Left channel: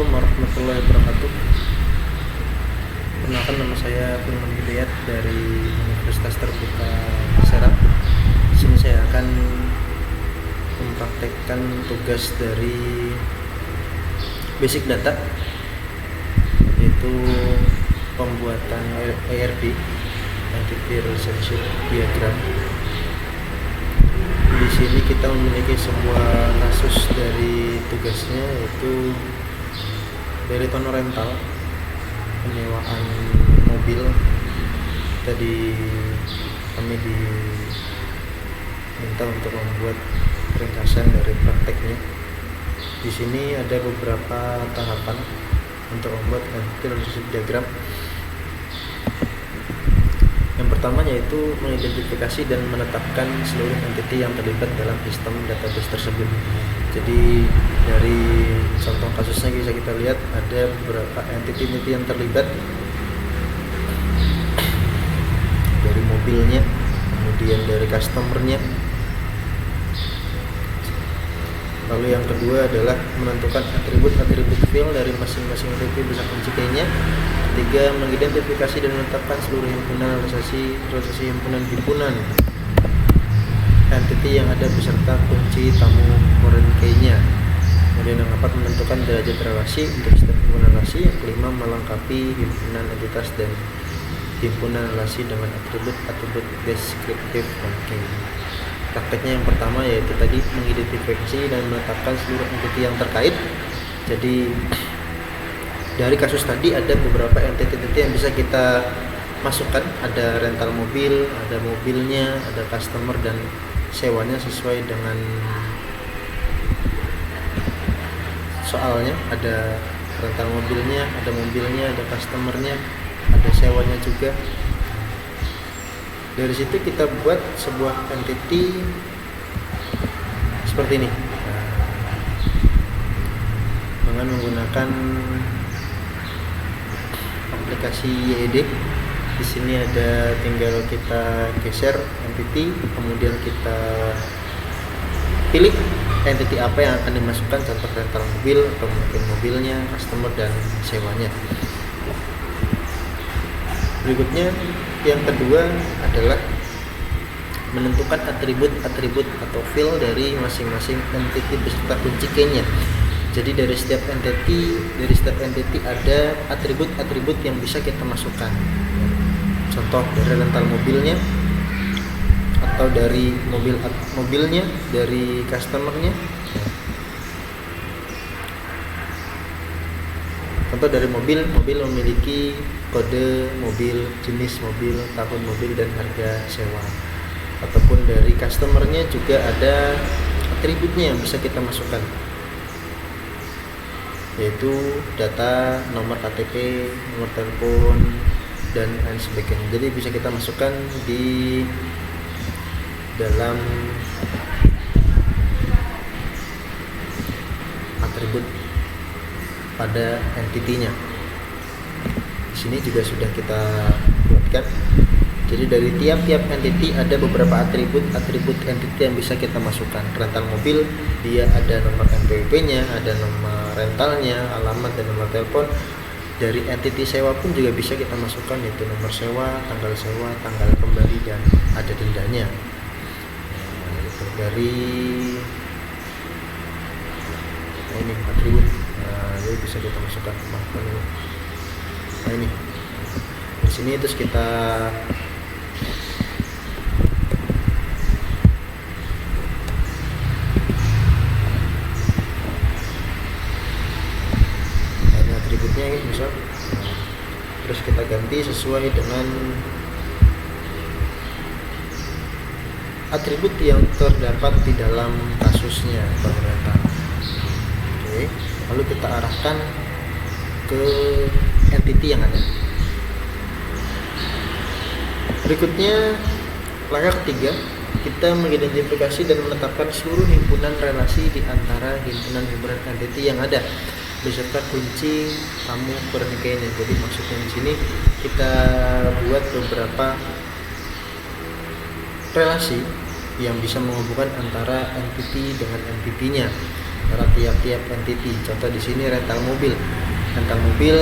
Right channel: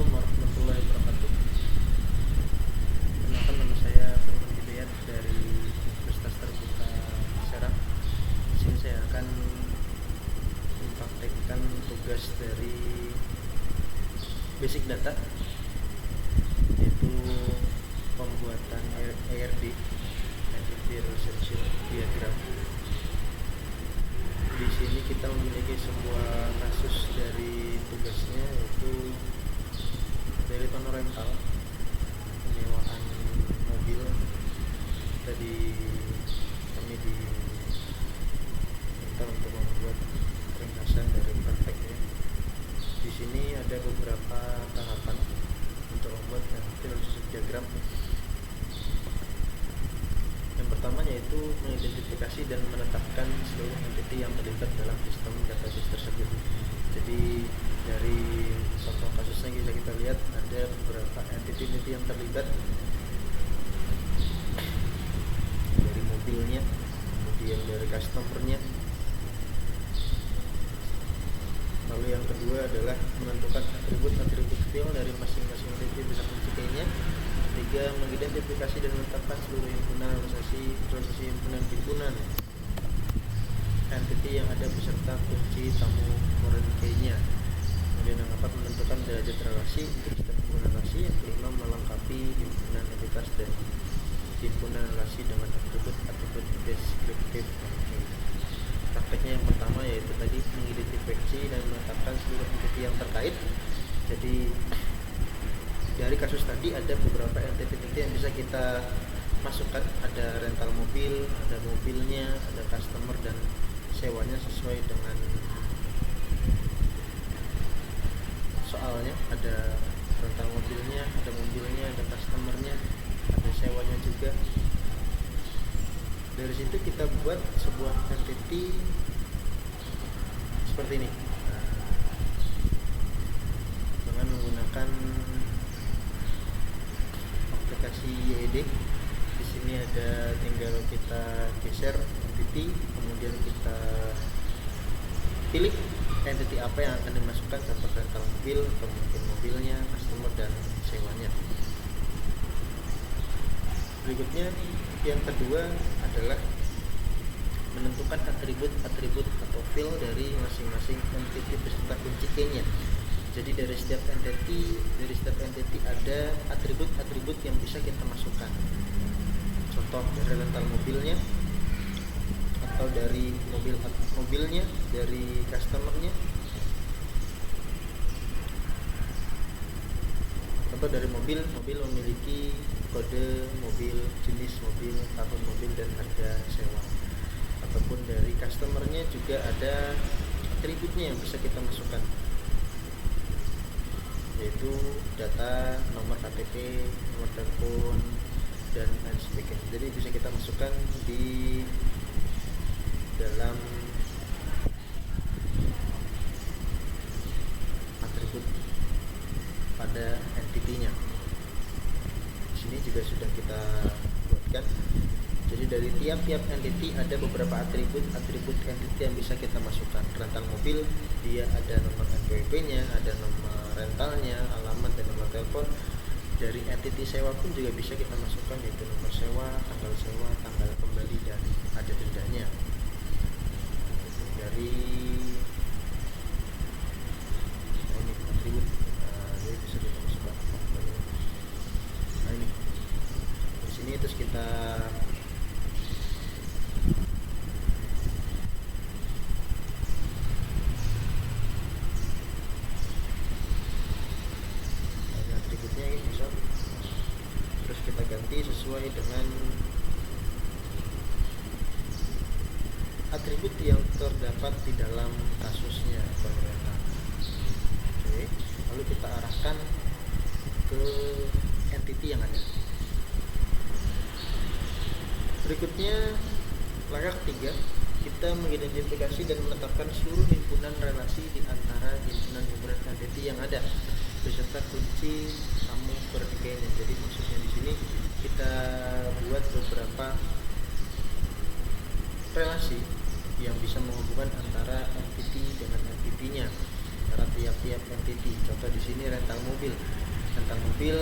Assalamualaikum warahmatullahi wabarakatuh. Perkenalkan, nama saya Firman Hidayat dari Universitas Terbuka Serang. Di sini saya akan mempraktekkan tugas dari basic data, yaitu pembuatan ERD, Entity Relationship Diagram. Di sini kita memiliki sebuah kasus dari tugasnya, yaitu dari tono rental, penyewaan mobil. Tadi kami diminta untuk membuat ringkasan dari prakteknya. Di sini ada beberapa tahapan untuk membuat entity relationship diagram. Yang pertama yaitu mengidentifikasi dan menetapkan seluruh entity yang terlibat dalam sistem database tersebut. Jadi dari contoh kasusnya bisa kita lihat ada beberapa entity yang terlibat, dari mobilnya, kemudian dari customernya. Lalu yang kedua adalah menentukan atribut-atribut field dari masing-masing entity beserta kunci key-nya. Ketiga, mengidentifikasi dan menetapkan seluruh himpunan relasi himpunan entity yang ada beserta kunci tamu foreign key-nya. Kemudian yang keempat, menentukan derajat relasi untuk setiap himpunan relasi. Yang kelima, melengkapi himpunan entitas dan himpunan relasi dengan atribut-atribut deskriptif dan key. Prakteknya yang pertama yaitu tadi mengidentifikasi dan menetapkan seluruh entity yang terkait. Jadi dari kasus tadi ada beberapa entity yang bisa kita masukkan, ada rental mobil, ada mobilnya, ada customer dan sewanya sesuai dengan soalnya. Ada rental mobilnya, ada customernya, ada sewanya juga. Dari situ kita buat sebuah entity seperti ini dengan menggunakan aplikasi YED. Di sini ada, tinggal kita geser entity, kemudian kita pilih entity apa yang akan dimasukkan, contoh rental mobil atau mungkin mobilnya, customer dan sewanya. Berikutnya yang kedua adalah menentukan atribut-atribut atau field dari masing-masing entity beserta kunci key-nya. Jadi dari setiap entity ada atribut-atribut yang bisa kita masukkan. Contoh dari rental mobilnya, atau dari mobilnya, dari customernya. Contoh dari mobil memiliki kode mobil, jenis mobil, tahun mobil, dan harga sewa. Ataupun dari customernya juga ada atributnya yang bisa kita masukkan, yaitu data, nomor KTP, nomor telepon, dan lain sebagainya. Jadi bisa kita masukkan di dalam atribut pada entity-nya. Di sini juga sudah kita buatkan. Jadi dari tiap-tiap entity ada beberapa atribut entity yang bisa kita masukkan. Rental mobil, dia ada nomor NPWP-nya, ada nomor rentalnya, alamat, dan nomor telepon. Dari entity sewa pun juga bisa kita masukkan, yaitu nomor sewa, tanggal kembali, dan ada dendanya. Itu dari ini atribut. Jadi bisa kita masukkan. Nah ini di sini, terus kita atributnya ini misal, terus kita ganti sesuai dengan atribut yang terdapat di dalam kasusnya pemerintah. Oke, lalu kita arahkan ke entity yang ada. Berikutnya, langkah ketiga, kita mengidentifikasi dan menetapkan seluruh himpunan relasi di antara himpunan entity yang ada beserta kunci tamu pernikahannya. Jadi maksudnya di sini kita buat beberapa relasi yang bisa menghubungkan antara entity dengan entity-nya. antara tiap-tiap entity. Contoh di sini rental mobil. Rental mobil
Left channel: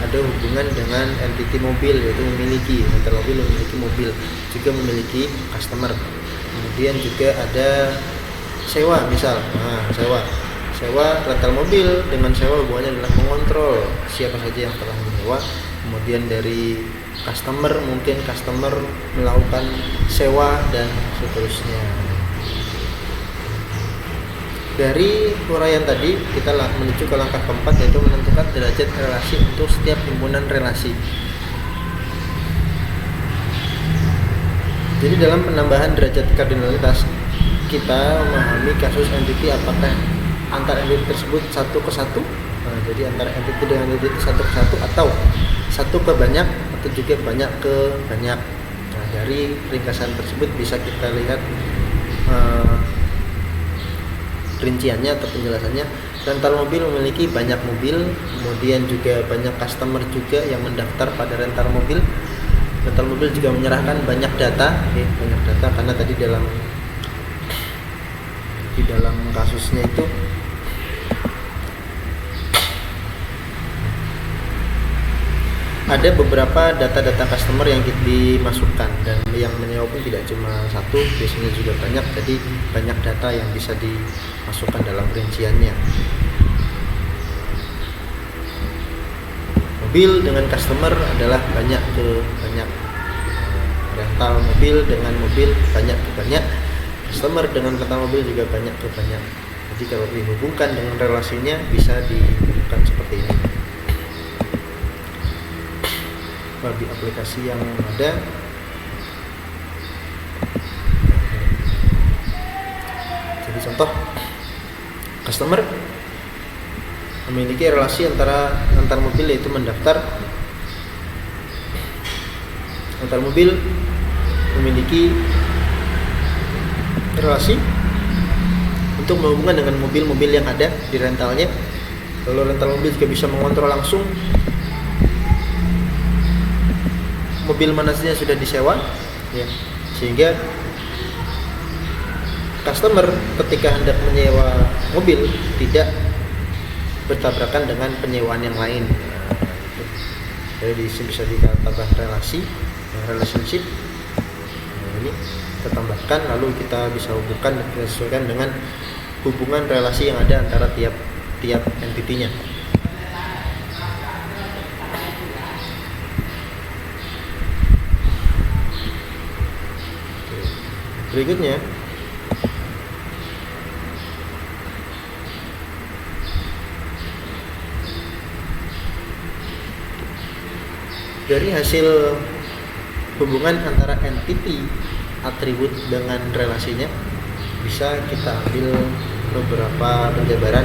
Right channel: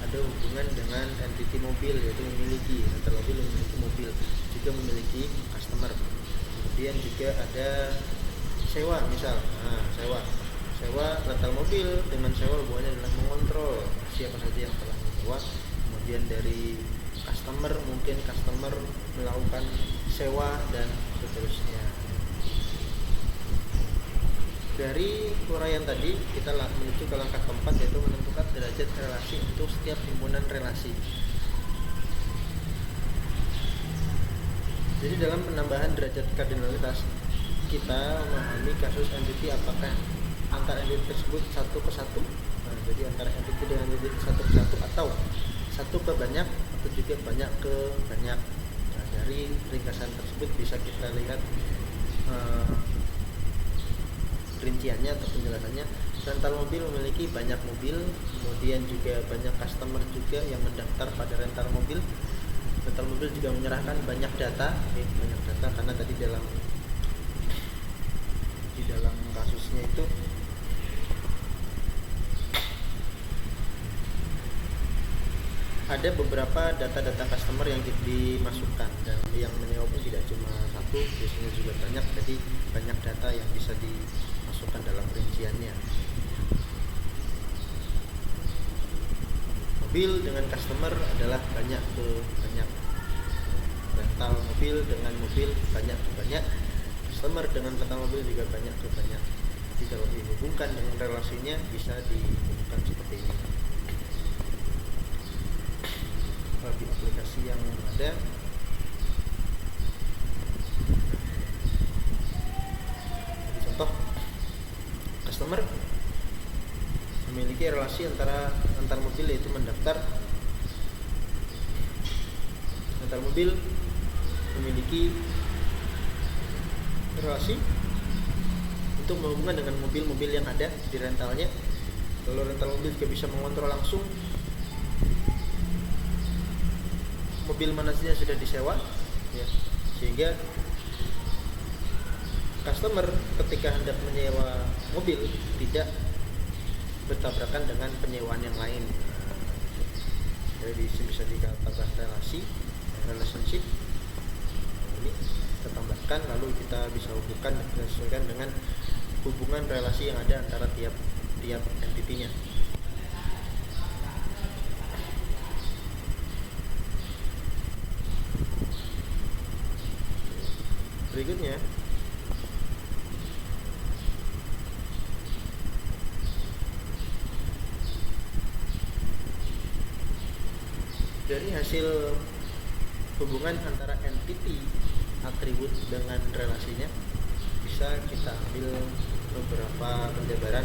ada hubungan dengan entity mobil, yaitu memiliki. Rental mobil memiliki mobil, juga memiliki customer. Kemudian juga ada sewa, misal. Sewa rental mobil dengan sewa hubungannya adalah mengontrol siapa saja yang telah menyewa. Kemudian dari customer, mungkin customer melakukan sewa dan seterusnya. Dari uraian tadi kita menuju ke langkah keempat, yaitu menentukan derajat relasi untuk setiap himpunan relasi. Jadi dalam penambahan derajat kardinalitas, kita memahami kasus entity apakah antar entity tersebut satu ke satu. Jadi antara entity dengan entity satu ke satu, atau satu ke banyak, atau juga banyak ke banyak. Dari ringkasan tersebut bisa kita lihat rinciannya atau penjelasannya. Rental mobil memiliki banyak mobil, kemudian juga banyak customer juga yang mendaftar pada rental mobil. Rental mobil juga menyerahkan banyak data, banyak data karena tadi di dalam kasusnya itu ada beberapa data-data customer yang dimasukkan, dan yang menyewa pun tidak cuma satu, biasanya juga banyak. Jadi banyak data yang bisa dimasukkan dalam rinciannya. Mobil dengan customer adalah banyak ke banyak. Rental mobil dengan mobil banyak ke banyak. Customer dengan rental mobil juga banyak ke banyak. Jadi kalau dihubungkan dengan relasinya bisa dihubungkan seperti ini. Bagi aplikasi yang ada, jadi contoh, customer memiliki relasi antara antar mobil, yaitu mendaftar. Antar mobil memiliki relasi untuk menghubungkan dengan mobil-mobil yang ada di rentalnya. Lalu rental mobil juga bisa mengontrol langsung mobil mana saja sudah disewa, ya, sehingga customer ketika hendak menyewa mobil tidak bertabrakan dengan penyewaan yang lain. Jadi bisa ditambah relasi, relationship. Ini kita tambahkan, lalu kita bisa hubungkan dan disesuaikan dengan hubungan relasi yang ada antara tiap entitinya. Berikutnya, dari hasil hubungan antara entity atribut dengan relasinya, bisa kita ambil beberapa penjabaran.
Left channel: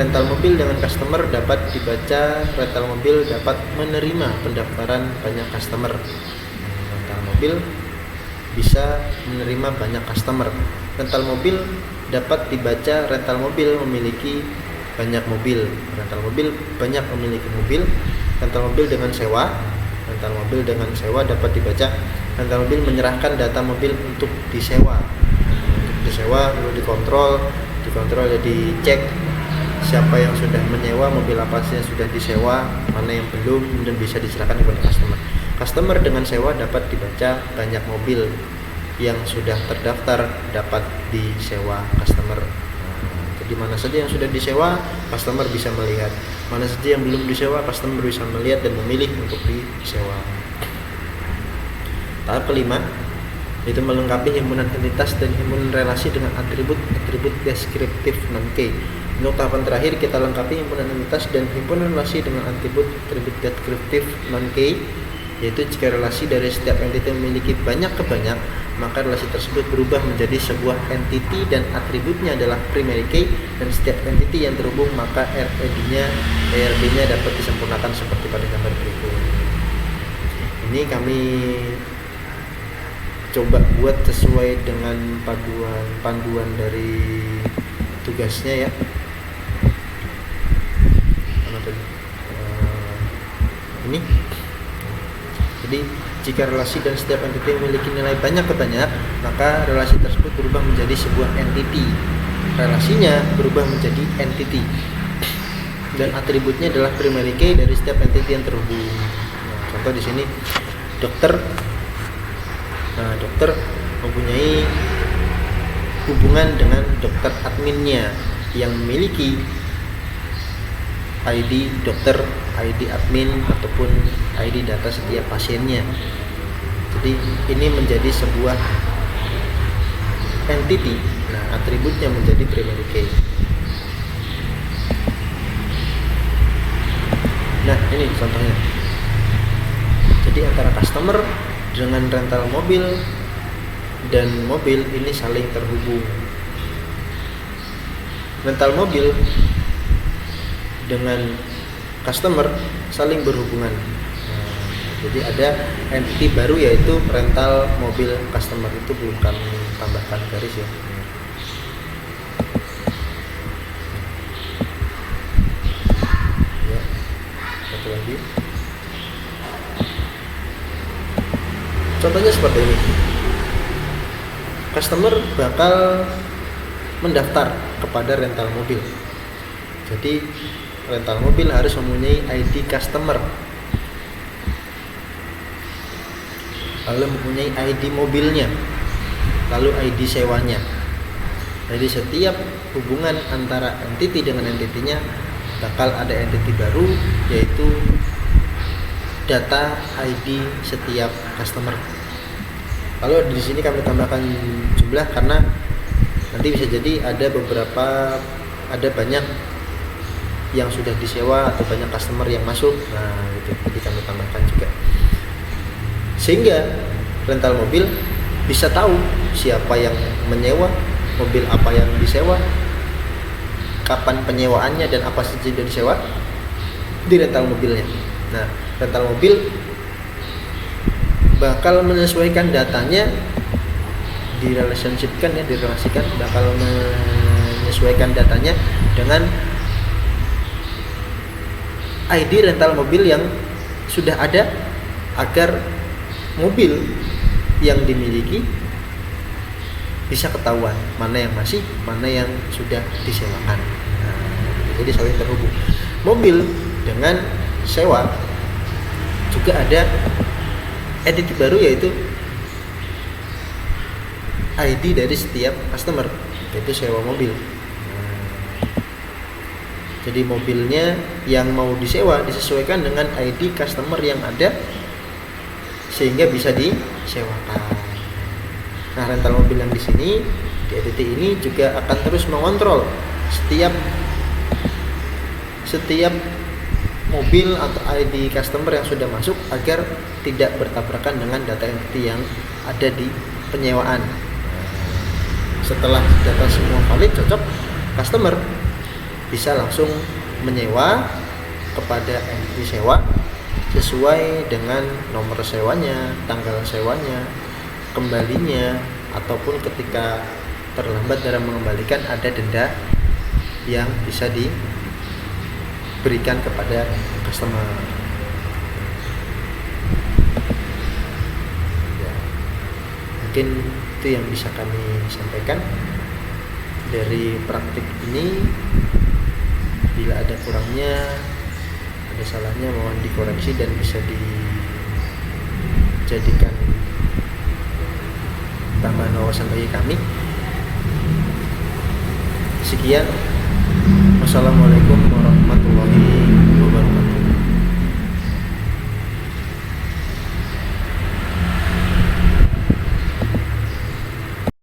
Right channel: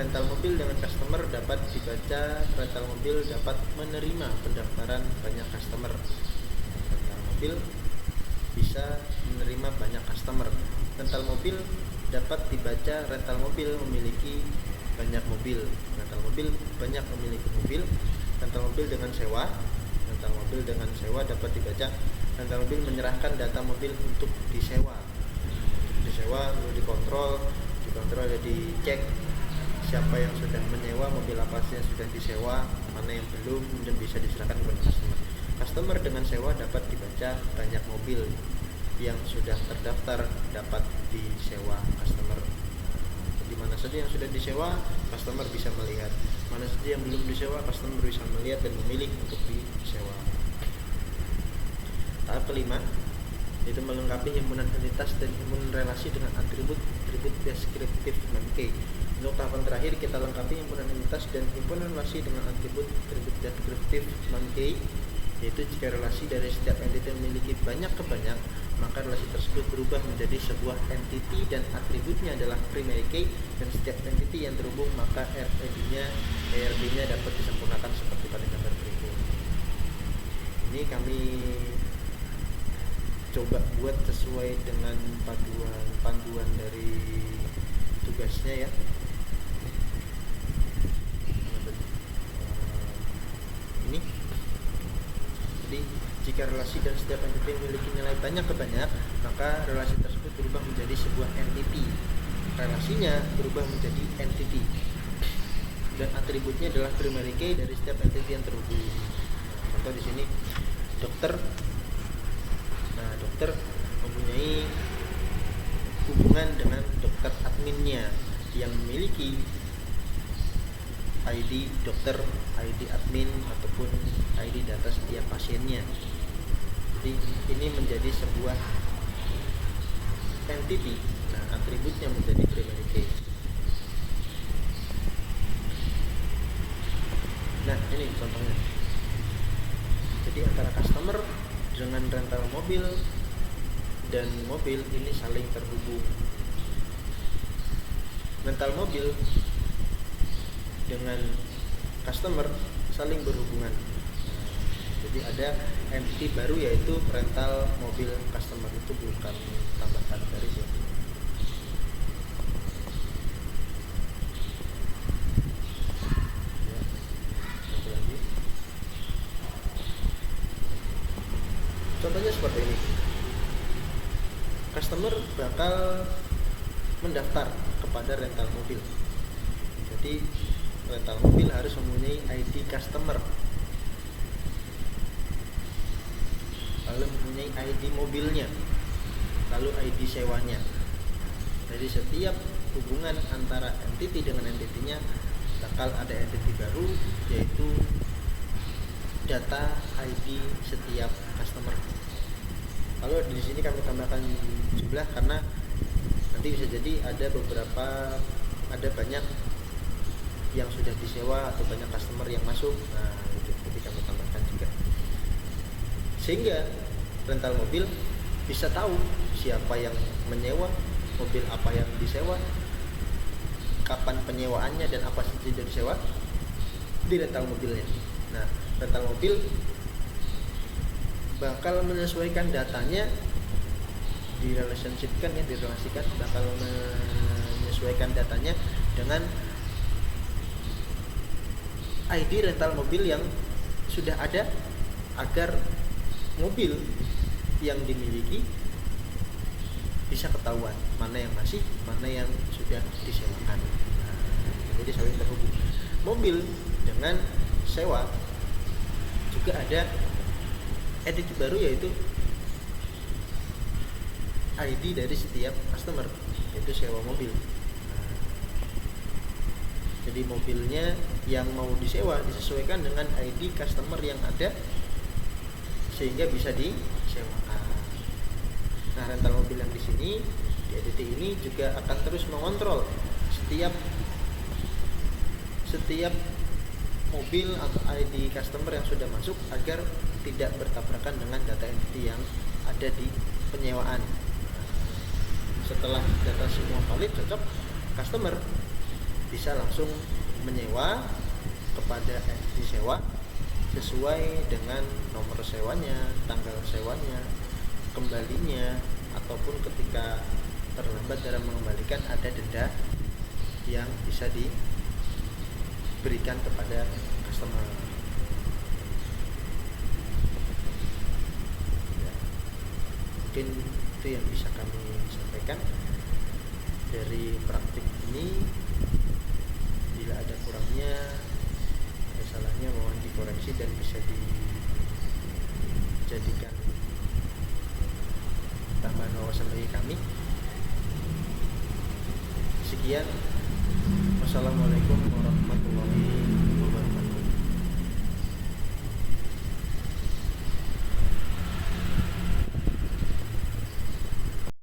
Rental mobil dengan customer dapat dibaca rental mobil dapat menerima pendaftaran banyak customer. Rental mobil bisa menerima banyak customer. Rental mobil dapat dibaca rental mobil memiliki banyak mobil. Rental mobil banyak memiliki mobil. Rental mobil dengan sewa. Rental mobil dengan sewa dapat dibaca rental mobil menyerahkan data mobil untuk disewa. Untuk disewa lalu dikontrol ya, dicek siapa yang sudah menyewa, mobil apa sih yang sudah disewa, mana yang belum, dan bisa diserahkan kepada customer. Customer dengan sewa dapat dibaca banyak mobil yang sudah terdaftar dapat disewa customer. Jadi mana saja yang sudah disewa, customer bisa melihat. Mana saja yang belum disewa, customer bisa melihat dan memilih untuk disewa. Tahap kelima, yaitu melengkapi himpunan entitas dan himpunan relasi dengan atribut deskriptif non-key. Untuk tahapan terakhir, kita lengkapi himpunan entitas dan himpunan relasi dengan atribut deskriptif non-key, yaitu jika relasi dari setiap entiti memiliki banyak ke banyak, maka relasi tersebut berubah menjadi sebuah entiti dan atributnya adalah primary key, dan setiap entiti yang terhubung maka ERD-nya dapat disempurnakan seperti pada gambar berikut. Ini kami coba buat sesuai dengan panduan dari tugasnya, ya. Ini. Jadi jika relasi dan setiap entiti memiliki nilai banyak ke banyak, maka relasi tersebut berubah menjadi sebuah entity. relasinya berubah menjadi entity, dan atributnya adalah primary key dari setiap entity yang terhubung. Nah, contoh di sini dokter. Nah, dokter mempunyai hubungan dengan dokter adminnya yang memiliki ID dokter, ID admin, ataupun ID data setiap pasiennya. Jadi ini menjadi sebuah entity. Nah, atributnya menjadi primary key. Nah, ini contohnya. Jadi antara customer dengan rental mobil dan mobil ini saling terhubung. Rental mobil dengan customer saling berhubungan. Nah, jadi ada entity baru yaitu rental mobil customer, itu belum kami tambahkan garis ya. Ya, satu lagi. Contohnya seperti ini. Customer bakal mendaftar kepada rental mobil. Jadi rental mobil harus mempunyai ID customer, lalu mempunyai ID mobilnya, lalu ID sewanya. Jadi setiap hubungan antara entity dengan entitinya bakal ada entity baru, yaitu data ID setiap customer. Lalu di sini kami tambahkan jumlah karena nanti bisa jadi ada banyak yang sudah disewa atau banyak customer yang masuk. Nah, itu jadi kami tambahkan juga. Sehingga rental mobil bisa tahu siapa yang menyewa, mobil apa yang disewa, kapan penyewaannya, dan apa saja yang disewa di rental mobilnya. Nah, rental mobil bakal menyesuaikan datanya, direlasikan, bakal menyesuaikan datanya dengan ID rental mobil yang sudah ada, agar mobil yang dimiliki bisa ketahuan mana yang masih, mana yang sudah disewakan. Nah, jadi saling terhubung. Mobil dengan sewa juga ada entity baru, yaitu ID dari setiap customer, yaitu sewa mobil. Jadi mobilnya yang mau disewa disesuaikan dengan ID customer yang ada sehingga bisa disewakan. Nah, rental mobil yang di sini di entity ini juga akan terus mengontrol setiap mobil atau ID customer yang sudah masuk agar tidak bertabrakan dengan data entity yang ada di penyewaan. Setelah data semua valid, cocok, customer bisa langsung menyewa kepada entity sewa sesuai dengan nomor sewanya, tanggal sewanya, kembalinya, ataupun ketika terlambat dalam mengembalikan ada denda yang bisa diberikan kepada customer. Ya, mungkin itu yang bisa kami sampaikan dari praktik ini. Bila ada kurangnya, ada salahnya, mohon dikoreksi dan bisa dijadikan tambahan wawasan bagi kami. Sekian, wassalamualaikum warahmatullahi wabarakatuh.